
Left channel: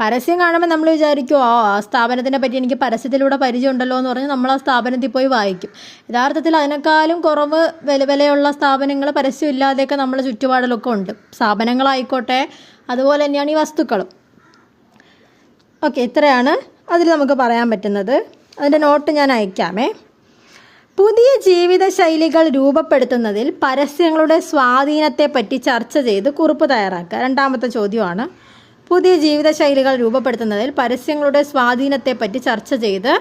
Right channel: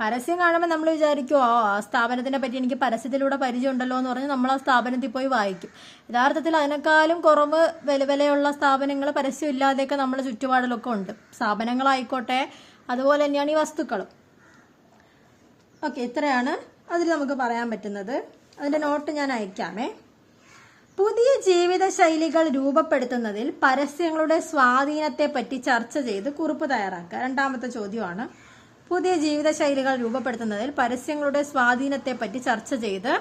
പരസ്യം കാണുമ്പോൾ നമ്മൾ വിചാരിക്കും ആ സ്ഥാപനത്തിനെ പറ്റി എനിക്ക് പരസ്യത്തിലൂടെ പരിചയം ഉണ്ടല്ലോ എന്ന് പറഞ്ഞ് നമ്മൾ ആ സ്ഥാപനത്തിൽ പോയി വായിക്കും. യഥാർത്ഥത്തിൽ അതിനേക്കാളും കുറവ് വിലയുള്ള സ്ഥാപനങ്ങൾ പരസ്യം ഇല്ലാതെയൊക്കെ നമ്മുടെ ചുറ്റുപാടിലൊക്കെ ഉണ്ട്. സ്ഥാപനങ്ങളായിക്കോട്ടെ, അതുപോലെ തന്നെയാണ് ഈ വസ്തുക്കളും. ഓക്കെ, ഇത്രയാണ് അതിൽ നമുക്ക് പറയാൻ പറ്റുന്നത്. അതിൻ്റെ നോട്ട് ഞാൻ അയക്കാമേ. പുതിയ ജീവിതശൈലികൾ രൂപപ്പെടുത്തുന്നതിൽ പരസ്യങ്ങളുടെ സ്വാധീനത്തെപ്പറ്റി ചർച്ച ചെയ്ത് കുറിപ്പ് തയ്യാറാക്കുക. രണ്ടാമത്തെ ചോദ്യമാണ്. പുതിയ ജീവിതശൈലികൾ രൂപപ്പെടുത്തുന്നതിൽ പരസ്യങ്ങളുടെ സ്വാധീനത്തെപ്പറ്റി ചർച്ച ചെയ്ത്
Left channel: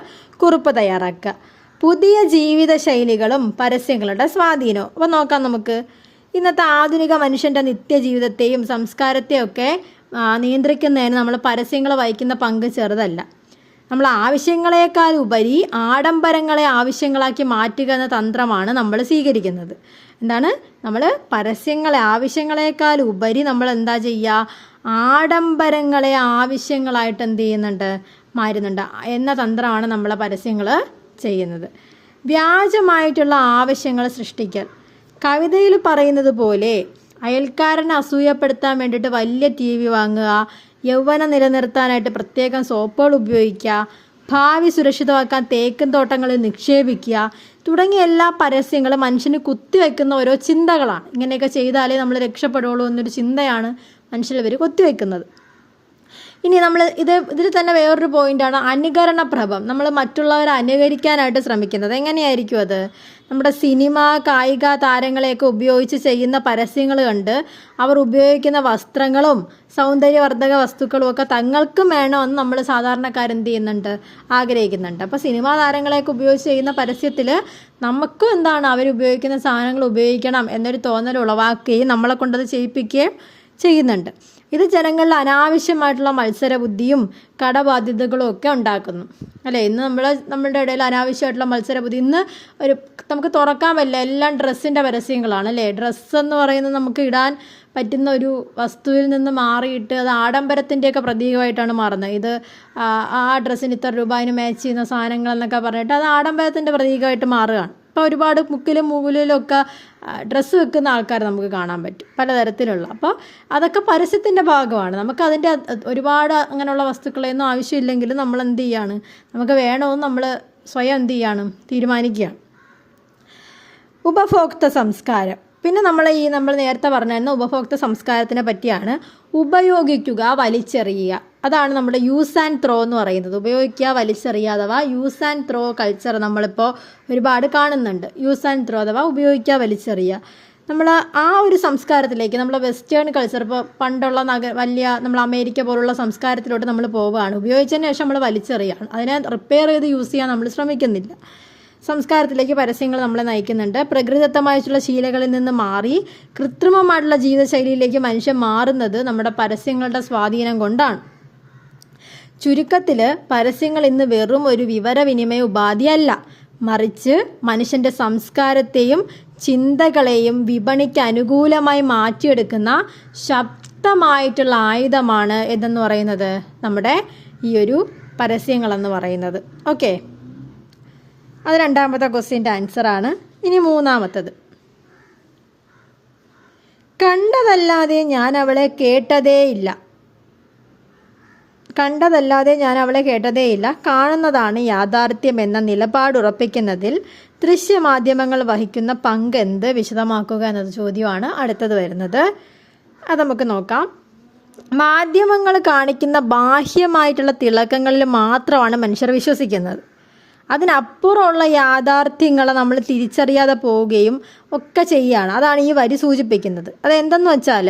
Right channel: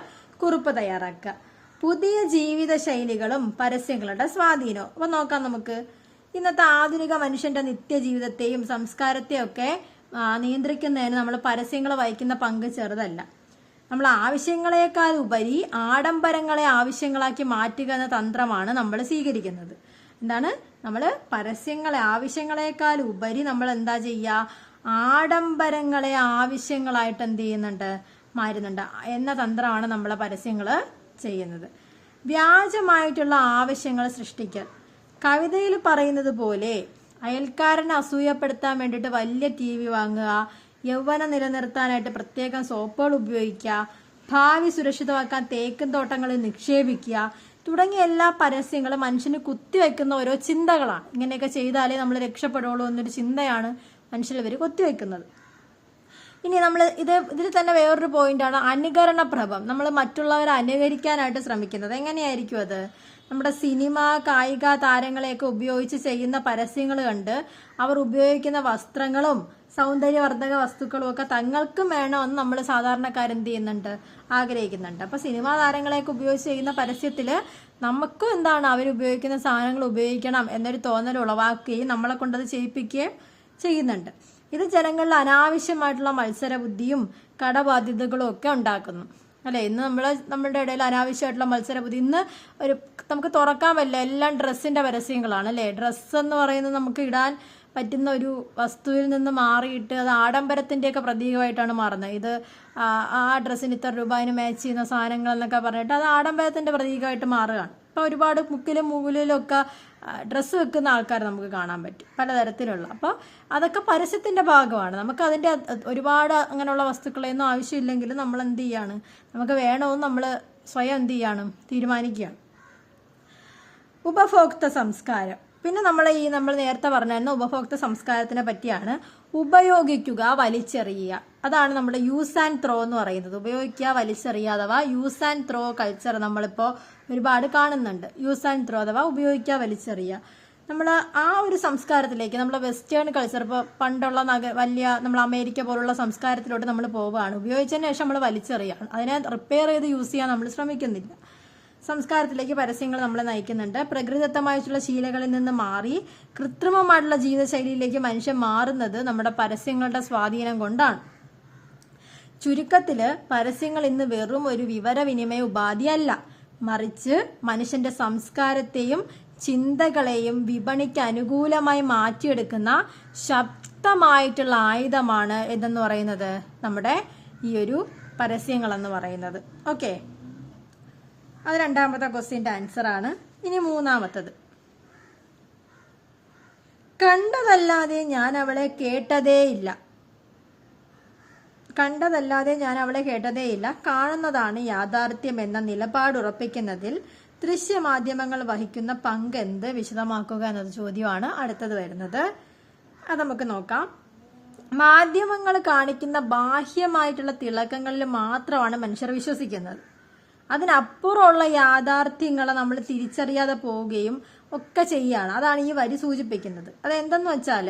കുറിപ്പ് തയ്യാറാക്കുക. പുതിയ ജീവിതശൈലികളും പരസ്യങ്ങളുടെ സ്വാധീനവും. അപ്പോൾ നോക്കാം നമുക്ക്. ഇന്നത്തെ ആധുനിക മനുഷ്യൻ്റെ നിത്യജീവിതത്തെയും സംസ്കാരത്തെയും ഒക്കെ നിയന്ത്രിക്കുന്നതിന് നമ്മൾ പരസ്യങ്ങൾ വഹിക്കുന്ന പങ്ക് ചെറുതല്ല. നമ്മൾ ആവശ്യങ്ങളെക്കാൾ ഉപരി ആഡംബരങ്ങളെ ആവശ്യങ്ങളാക്കി മാറ്റുക എന്ന തന്ത്രമാണ് നമ്മൾ സ്വീകരിക്കുന്നത്. എന്താണ്? നമ്മൾ പരസ്യങ്ങളെ ആവശ്യങ്ങളെക്കാൾ ഉപരി നമ്മൾ എന്താ ചെയ്യുക? ആഡംബരങ്ങളെ ആവശ്യങ്ങളായിട്ട് എന്ത് ചെയ്യുന്നുണ്ട്? മാറുന്നുണ്ട് എന്ന തന്ത്രമാണ് നമ്മൾ പരസ്യങ്ങൾ ചെയ്യുന്നത്. വ്യാജമായിട്ടുള്ള ആവശ്യങ്ങൾ സൃഷ്ടിക്കൽ. കവിതയിൽ പറയുന്നത് പോലെ അയൽക്കാരനെ അസൂയപ്പെടുത്താൻ വേണ്ടിയിട്ട് വലിയ TV വാങ്ങുക, യൗവനം നിലനിർത്താനായിട്ട് പ്രത്യേകം സോപ്പുകൾ ഉപയോഗിക്കുക, ഭാവി സുരക്ഷിതമാക്കാൻ തേക്കിൻ തോട്ടങ്ങളിൽ നിക്ഷേപിക്കുക തുടങ്ങിയ എല്ലാ പരസ്യങ്ങളും മനുഷ്യന് കുത്തിവെക്കുന്ന ഓരോ ചിന്തകളാണ്. ഇങ്ങനെയൊക്കെ ചെയ്താലേ നമ്മൾ രക്ഷപ്പെടുള്ളൂ എന്നൊരു ചിന്തയാണ് മനുഷ്യർ കുത്തിവെക്കുന്നത്. ഇനി നമ്മൾ ഇതിൽ തന്നെ വേറൊരു പോയിന്റാണ് അനുകരണപ്രഭം. നമ്മൾ മറ്റുള്ളവരെ അനുകരിക്കാനായിട്ട് ശ്രമിക്കുന്നത്. എങ്ങനെയായിരിക്കും അത്? നമ്മുടെ സിനിമ, കായിക താരങ്ങളെയൊക്കെ ഉപയോഗിച്ച് ചെയ്യുന്ന പരസ്യങ്ങൾ കണ്ട് അവർ ഉപയോഗിക്കുന്ന വസ്ത്രങ്ങളും സൗന്ദര്യവർദ്ധക വസ്തുക്കളും ഒക്കെ തങ്ങൾക്കും വേണമെന്ന് നമ്മൾ സാധാരണക്കാരെന്ത് ചെയ്യുന്നുണ്ട്? ആഗ്രഹിക്കുന്നുണ്ട്. അപ്പോൾ സിനിമാ താരങ്ങളെയൊക്കെ ഉപയോഗിച്ച് ചെയ്യുന്ന പരസ്യത്തിൽ നമുക്കും എന്താണ് അവരുപയോഗിക്കുന്ന സാധനങ്ങൾ ഉപയോഗിക്കണം എന്നൊരു തോന്നൽ ഉളവാക്കുകയും നമ്മളെ കൊണ്ടത് ചെയ്യിപ്പിക്കുകയും ചെയ്യുന്നുണ്ട്. ഇത് ജനങ്ങളിൽ അനാവശ്യമായിട്ടുള്ള മത്സരബുദ്ധിയും കടബാധ്യതകളും ഒക്കെ ഉണ്ടാക്കുന്നു അല്ലേ? ഇന്ന് നമ്മളുടെ ഇടയിൽ അനാവശ്യമായിട്ടുള്ള മത്സരബുദ്ധി. ഇന്ന് നമുക്ക് തുറക്കാൻ പറ്റില്ല, എല്ലാം ഡ്രസ്സിൻ്റെ പരസ്യങ്ങളാണ് അല്ലേ? ഡ്രസ്സ് എന്ന് പറയുന്നത് നമുക്ക് ഇടാൻ പറ്റുന്ന ഒരു വസ്തുവിൽ നിന്ന് മാറിയിട്ട് അത് ആഡംബരത്തിൻ്റെയൊക്കെ പ്രതീകമായിട്ടാണ് മാറുന്നത്. ഇത് ആ ഡ്രസ്സിന് ഇത്ര രൂപ, അതിന് മാച്ച് ചെയ്യുന്ന സാധനങ്ങൾ എന്നൊക്കെ പറഞ്ഞിട്ട് അത് ആഡംബരത്തിൻ്റെ പ്രതീകമായിട്ട് മാറുകയാണ്. ഇപ്പോൾ ഒരുപാട് മുക്കിലും മൂവിലും ഒക്കെ ഡ്രസ്സ് വെക്കുന്ന ആൾക്കാർ നമുക്ക് കാണാൻ പറ്റും, പലതരത്തിലുള്ള. അപ്പോൾ അതൊക്കെ പരസ്യത്തിൻ്റെ ഭാഗമാണ്. നമുക്ക് അതിൻ്റെ ഒരുപാട് അങ്ങനെയുള്ള വസ്തുക്കളൊന്നും ആവശ്യമില്ലെങ്കിലും നമ്മൾ എന്ത് ചെയ്യാണ്? നമുക്ക് വേണമെന്ന് നമ്മൾ സ്വയം എന്ത് ചെയ്യാണ്? തീരുമാനിക്കുകയാണ്. ഉപഭോക്തൃ സംസ്കാരം. പിന്നെ നമ്മൾ നേരത്തെ പറഞ്ഞിരുന്ന ഉപഭോക്തൃ സംസ്കാരത്തിനെ പറ്റിയാണ്. ഉപയോഗിക്കുക, വലിച്ചെറിയുക. അതാണ് നമ്മുടെ യൂസ് ആൻഡ് ത്രോ എന്ന് പറയുന്നത്. ഉപയോഗിക്കുക, വലിച്ചെറിയുക അഥവാ യൂസ് ആൻഡ് ത്രോ കൾച്ചർ നമ്മളിപ്പോൾ ഒരുപാട് കാണുന്നുണ്ട്. യൂസ് ആൻഡ് ത്രോ അഥവാ ഉപയോഗിക്കുക, വലിച്ചെറിയുക. നമ്മൾ ആ ഒരു സംസ്കാരത്തിലേക്ക്, നമ്മൾ വെസ്റ്റേൺ കൾച്ചർ, ഇപ്പോൾ പണ്ടുള്ള നമ്മൾ അമേരിക്ക പോലുള്ള സംസ്കാരത്തിലോട്ട് നമ്മൾ പോവുകയാണ്. ഉപയോഗിച്ചതിന് ശേഷം നമ്മൾ വലിച്ചെറിയുകയാണ്. അതിനെ റിപ്പയർ ചെയ്ത് യൂസ് ചെയ്യാൻ നമ്മൾ ശ്രമിക്കുന്നില്ല. സംസ്കാരത്തിലേക്ക് പരസ്യങ്ങൾ നമ്മളെ നയിക്കുന്നുണ്ട്. പ്രകൃതിദത്തമായിട്ടുള്ള ശീലങ്ങളിൽ നിന്ന് മാറി കൃത്രിമമായിട്ടുള്ള ജീവിതശൈലിയിലേക്ക് മനുഷ്യൻ മാറുന്നത് നമ്മുടെ പരസ്യങ്ങളുടെ സ്വാധീനം കൊണ്ടാണ്. ചുരുക്കത്തിൽ പരസ്യങ്ങൾ ഇന്ന് വെറും ഒരു വിവരവിനിമയ ഉപാധിയല്ല, മറിച്ച് മനുഷ്യൻ്റെ സംസ്കാരത്തെയും ചിന്തകളെയും വിപണിക്ക് അനുകൂലമായി മാറ്റിയെടുക്കുന്ന ശക്തമായിട്ടുള്ള ആയുധമാണ് എന്തെന്ന് പറയുന്നത് നമ്മുടെ ഈ ഒരു പരസ്യങ്ങളെന്ന് പറയുന്നത്. ഓക്കെ, അത് രണ്ടാമത്തെ ക്വസ്റ്റ്യൻ്റെ ആൻസറാണ്. ഇനി മൂന്നാമത്തത്. കണ്ടതല്ലാതെ ഞാൻ അവളെ കേട്ടതേയില്ല. കാണുന്നതാണ് യാഥാർത്ഥ്യം എന്ന നിലപാടുറപ്പിക്കുന്നതിൽ ദൃശ്യമാധ്യമങ്ങൾ വഹിക്കുന്ന പങ്ക് എന്ത്? വിശദമാക്കുക എന്നത് ചോദ്യമാണ് അടുത്തത് വരുന്നത്. അത് നമുക്ക് നോക്കാം. മാധ്യമങ്ങൾ കാണിക്കുന്ന ബാഹ്യമായിട്ടുള്ള തിളക്കങ്ങളിൽ മാത്രമാണ് മനുഷ്യർ വിശ്വസിക്കുന്നത്. അതിനപ്പുറമുള്ള യാഥാർത്ഥ്യങ്ങളെ നമ്മൾ തിരിച്ചറിയാതെ പോവുകയും ഒക്കെ ചെയ്യുകയാണ്. അതാണ് ഈ വരി സൂചിപ്പിക്കുന്നത്. അതെന്തെന്ന് വെച്ചാൽ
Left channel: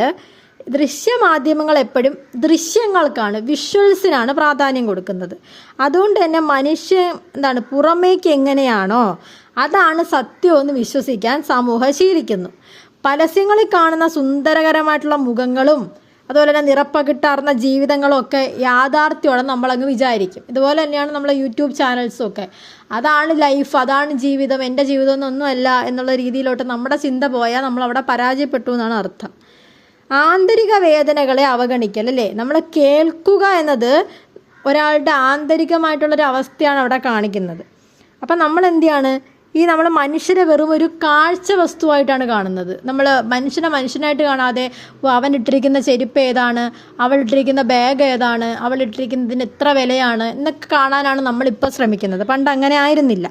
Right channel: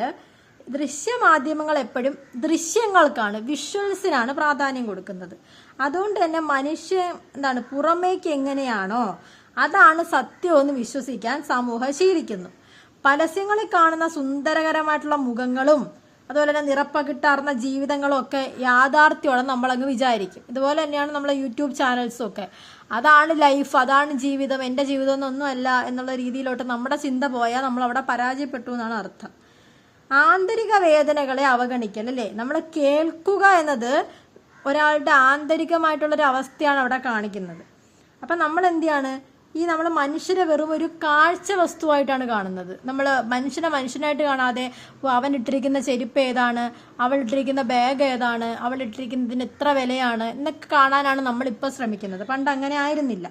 ദൃശ്യമാധ്യമങ്ങൾ എപ്പോഴും ദൃശ്യങ്ങൾക്കാണ്, വിഷ്വൽസിനാണ് പ്രാധാന്യം കൊടുക്കുന്നത്. അതുകൊണ്ട് തന്നെ മനുഷ്യൻ പുറമേക്ക് എങ്ങനെയാണോ അതാണ് സത്യമെന്ന് വിശ്വസിക്കാൻ സമൂഹം ശീലിക്കുന്നു. പരസ്യങ്ങളിൽ കാണുന്ന സുന്ദരകരമായിട്ടുള്ള മുഖങ്ങളും അതുപോലെ തന്നെ നിറപ്പകിട്ടാർന്ന ജീവിതങ്ങളൊക്കെ യാഥാർത്ഥ്യമാണെന്ന് നമ്മളങ്ങ് വിചാരിക്കും. ഇതുപോലെ തന്നെയാണ് നമ്മളെ യൂട്യൂബ് ചാനൽസും ഒക്കെ. അതാണ് ലൈഫ്, അതാണ് ജീവിതം, എൻ്റെ ജീവിതം എന്നൊന്നുമല്ല എന്നുള്ള രീതിയിലോട്ട് നമ്മുടെ ചിന്ത പോയാൽ നമ്മളവിടെ പരാജയപ്പെട്ടു എന്നാണ് അർത്ഥം. ആന്തരിക വേദനകളെ അവഗണിക്കൽ അല്ലേ? നമ്മൾ കേൾക്കുക എന്നത് ഒരാളുടെ ആന്തരികമായിട്ടുള്ളൊരു അവസ്ഥയാണ് അവിടെ കാണിക്കുന്നത്. അപ്പം നമ്മൾ എന്ത് ചെയ്യാണ്, നമ്മൾ മനുഷ്യരെ വെറും ഒരു കാഴ്ച വസ്തുവായിട്ടാണ് കാണുന്നത്. നമ്മൾ മനുഷ്യനായിട്ട് കാണാതെ അവൻ ഇട്ടിരിക്കുന്ന ചെരുപ്പ് ഏതാണ്, അവൾ ഇട്ടിരിക്കുന്ന ബാഗ് ഏതാണ്, അവൾ ഇട്ടിരിക്കുന്നതിന് എത്ര വിലയാണ് എന്നൊക്കെ കാണാനാണ് നമ്മളിപ്പോൾ ശ്രമിക്കുന്നത്. പണ്ട് അങ്ങനെ ആയിരുന്നില്ല.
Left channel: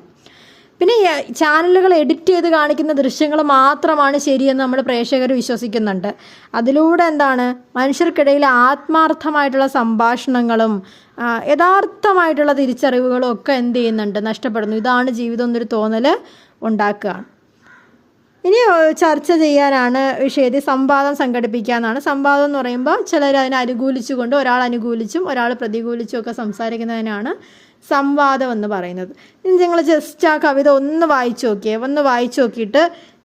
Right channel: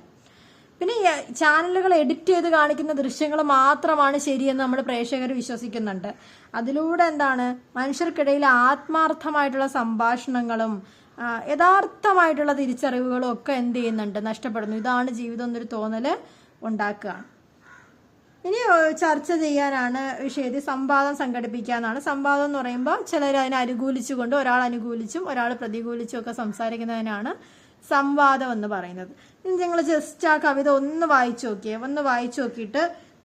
പിന്നെ ചാനലുകൾ എഡിറ്റ് ചെയ്ത് കാണിക്കുന്ന ദൃശ്യങ്ങൾ മാത്രമാണ് ശരിയെന്ന് നമ്മൾ പ്രേക്ഷകർ വിശ്വസിക്കുന്നുണ്ട്. അതിലൂടെ എന്താണ്, മനുഷ്യർക്കിടയിൽ ആത്മാർത്ഥമായിട്ടുള്ള സംഭാഷണങ്ങളും യഥാർത്ഥമായിട്ടുള്ള തിരിച്ചറിവുകളും ഒക്കെ എന്ത് ചെയ്യുന്നുണ്ട്, നഷ്ടപ്പെടുന്നു. ഇതാണ് ജീവിതം എന്നൊരു തോന്നൽ ഉണ്ടാക്കുകയാണ്. ഇനി ചർച്ച ചെയ്യാനാണ് വിഷയത്തിൽ സംവാദം സംഘടിപ്പിക്കുക എന്നാണ്. സംവാദം എന്ന് പറയുമ്പോൾ ചിലർ അതിനെ അനുകൂലിച്ചുകൊണ്ട്, ഒരാൾ അനുകൂലിച്ചും ഒരാൾ പ്രതികൂലിച്ചും ഒക്കെ സംസാരിക്കുന്നതിനാണ് സംവാദം എന്ന് പറയുന്നത്. ഇനി നിങ്ങൾ ജസ്റ്റ് ആ കവിത ഒന്ന് വായിച്ചു നോക്കിയിട്ട്